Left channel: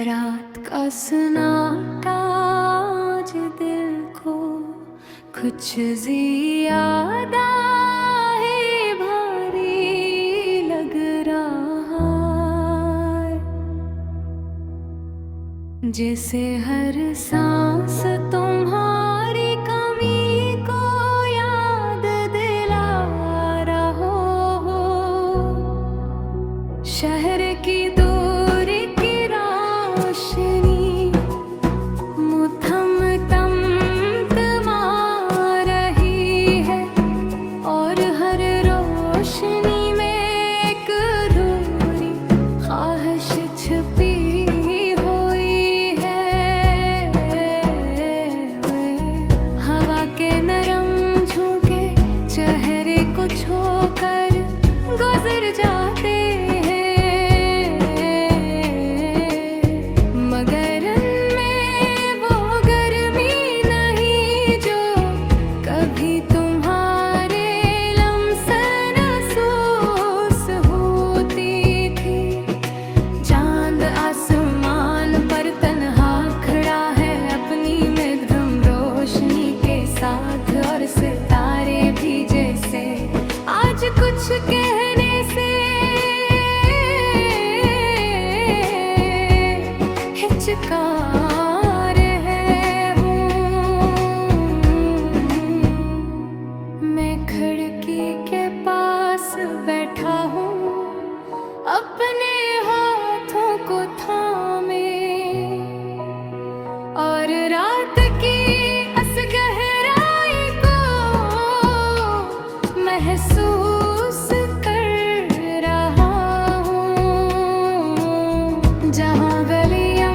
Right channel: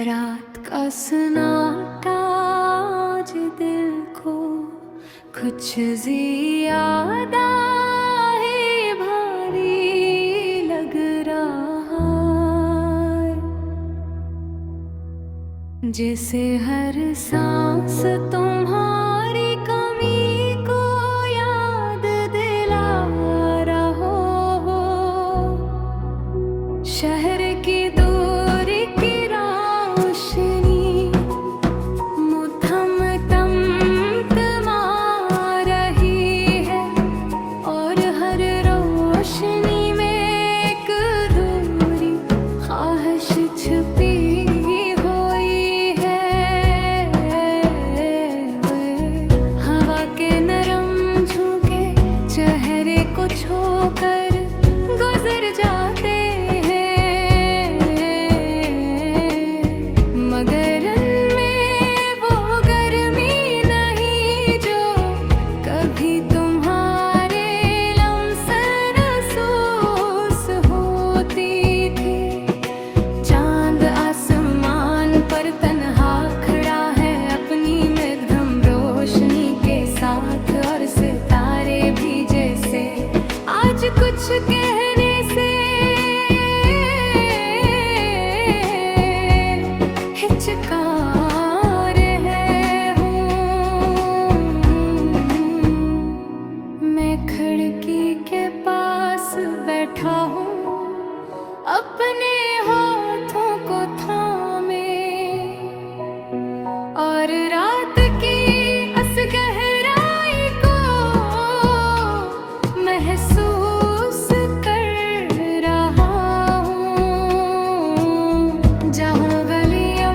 रात का सन्नाटा आज दिल को कुछ ज्यादा ही भारी लग रहा है, जैसे हर सांस तुम्हारी कमी को याद दिला रहा हो। शहर की दूरी की रोशनी मुठम तमतमा रही है, और हर रोशनी में एक अधूरी ख्वाहिश छुपी हुई है। हवा के नरम झोंके चेहरे को छूकर गुजर जाते हैं, मगर उनमें वो गर्मी नहीं जो कभी तुम्हारे लम्से महसूस होती थी। चांद आसमान पर तन्हा खड़ा है अपनी मध्यम रोशनी के साथ, और सितारे भी जैसे आज कुछ कहने से हिचका रहे हूँ। मैं खिड़की के पास बैठा हूँ अपने हाथों को थामे, और रात की इस गहराई को महसूस कर रहा हूँ। जहाँ गलियाँ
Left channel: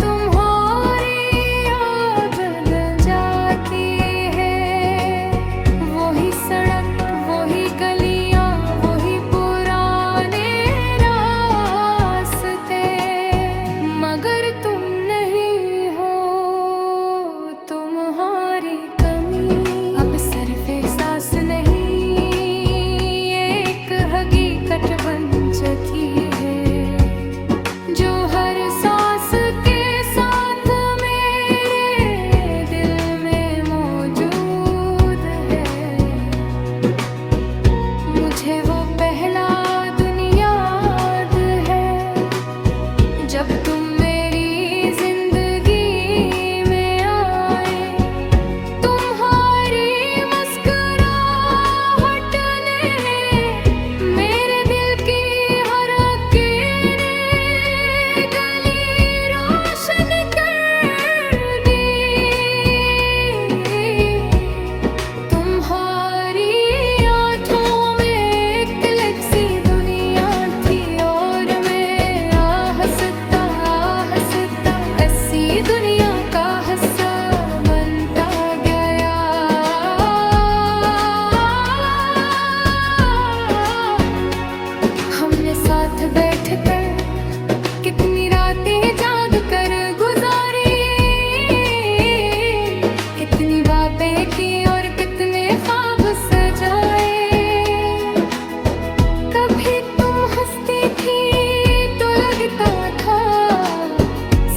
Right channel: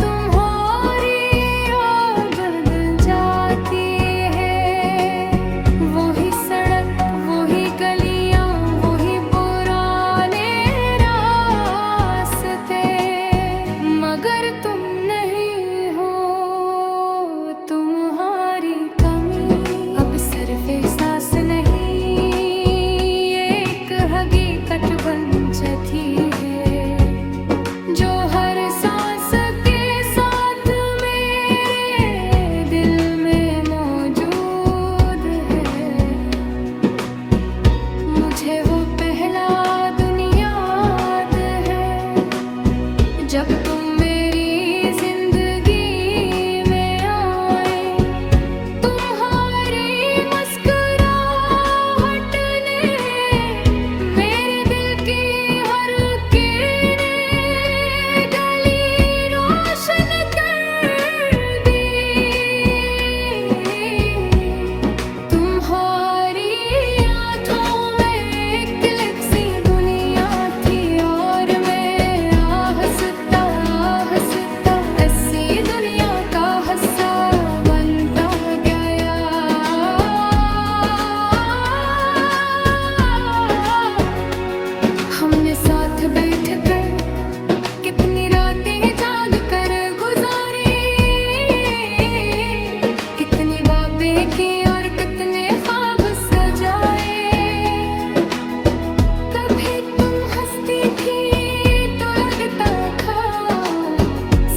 तुम्हारी याद बदल जाती है, वही सड़क वही गलियाँ वही पुराने रास्ते, मगर तुम नहीं हो। तुम्हारी कमी अब सिर्फ एहसास नहीं, एक हकीकत बन चुकी है, जो हर सांस के साथ मेरे दिल में मौजूद है। मुझे वो पहला दिन याद है जब तुम मेरी जिंदगी में आए। तुम्हारी मुस्कुराहट ने मेरे दिल की हर किरण गली रोशन कर दी। तुम्हारी आँखों में एक अलग सी दुनिया थी, और मैं हंसता हंसता ऐसी दुनिया का हिस्सा बनता गया। हमने साथ बैठकर कितनी रातें जाग कर गुजारी, कितनी बातें की और कितने ख्वाब सजाए। कभी तुम हंसती थी तो लगता था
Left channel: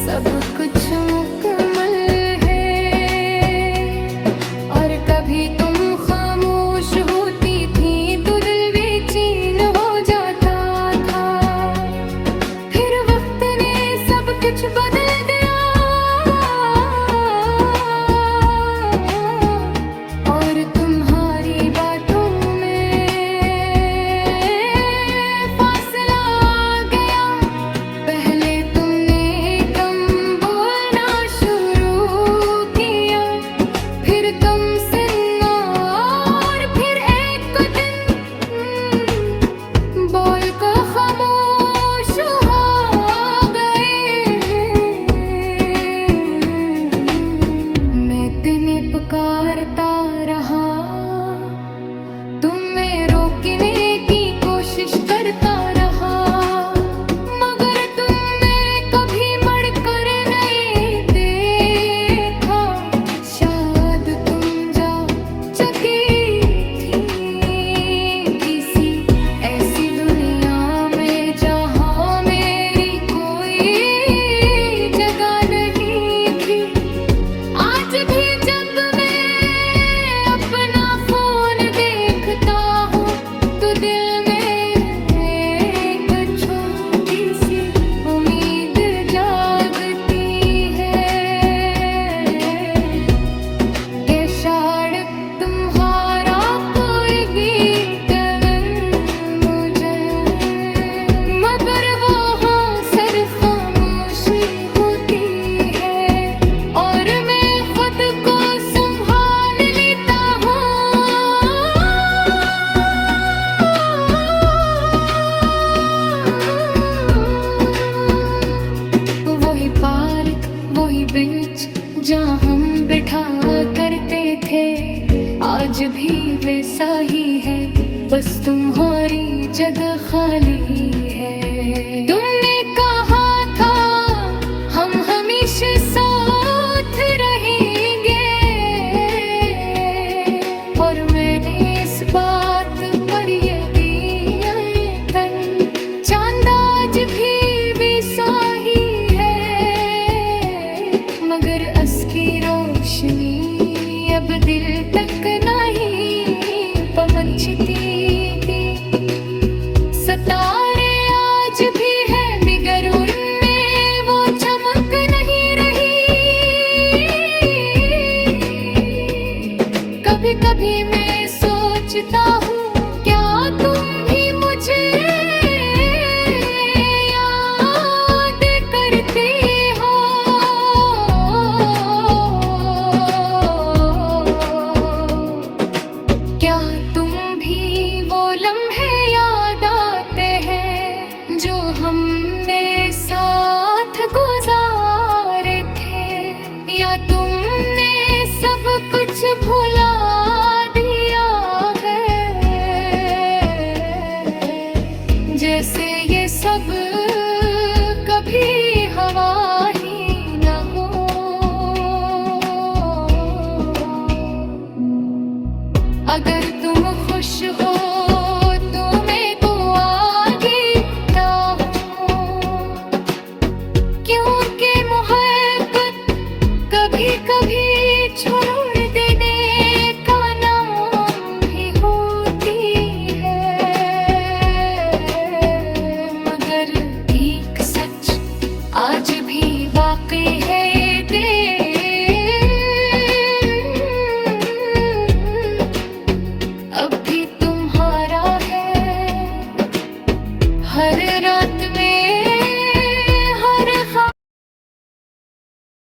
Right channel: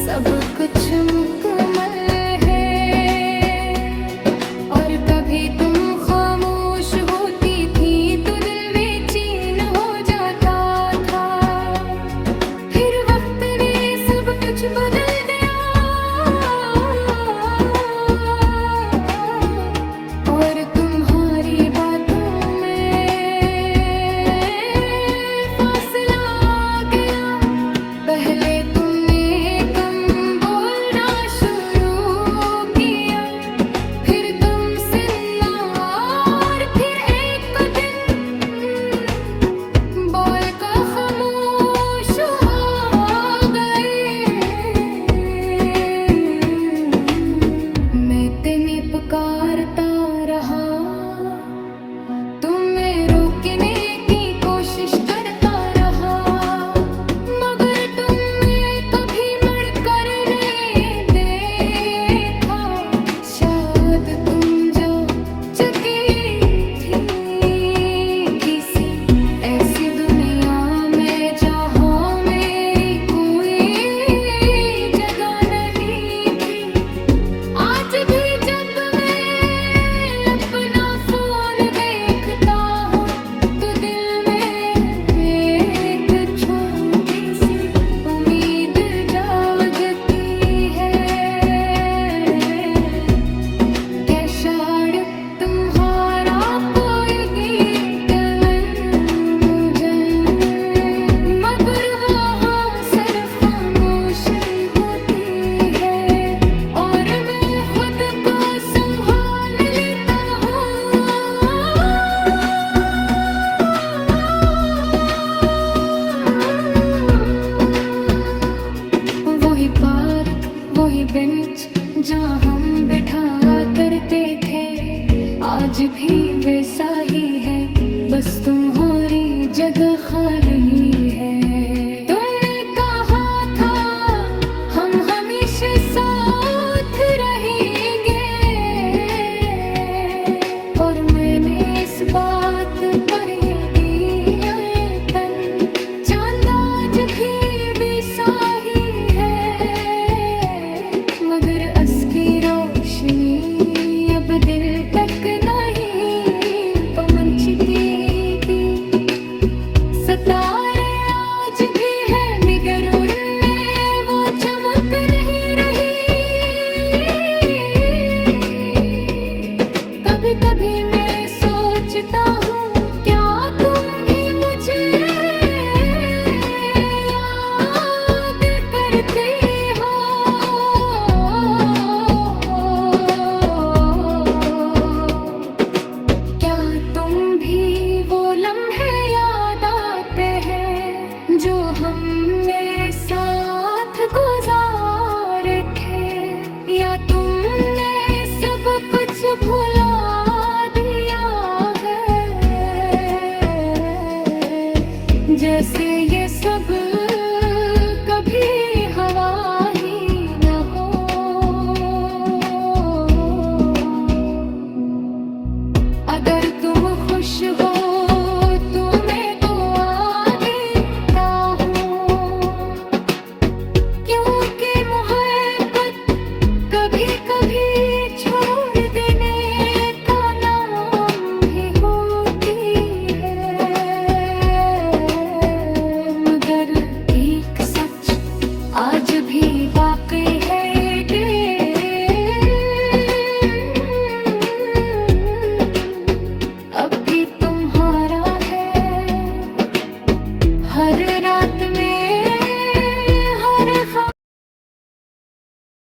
सब कुछ मुकम्मल है, और कभी तुम खामोश होती थी तो दिल बेचैन हो जाता था। फिर वक्त ने सब कुछ बदल दिया, और तुम्हारी बातों में फासला आ गया। पहले तुमने कम बोलना शुरू किया, फिर कम सुनना, और फिर एक दिन बोल कर खामोश हो गए। मैं तुम्हें पुकारता रहा, तुम्हें रोकने की कोशिश करता रहा, मगर तुम बेंच जहाँ हम बैठा करते थे, आज भी वैसा ही है, बस तुम्हारी जगह खाली है। तुमने कहा था हम हमेशा साथ रहेंगे, और मैंने इस बात पर ये दिया तन। चांद आज भी वैसा ही है, मगर असकी रोशनी अब दिल तक नहीं पहुंचती। सितारे आज भी है मगर उनमें वो चमक नहीं रही। कभी कभी मैं सोचता हूँ क्या तुम भी मुझे याद करती हो। क्या तुम भी वो लम्हे याद आते हैं जो हमने साथ गुजारे थे, या तुमने सब कुछ भुला दिया है, जैसे ये सब कभी हवा ही न हो। अगर तुम खुश हो तो मैं तो आगीता हूँ, क्योंकि मोहब्बत कभी कभी छोड़ देने का नाम भी होती है। मगर एक सच आज भी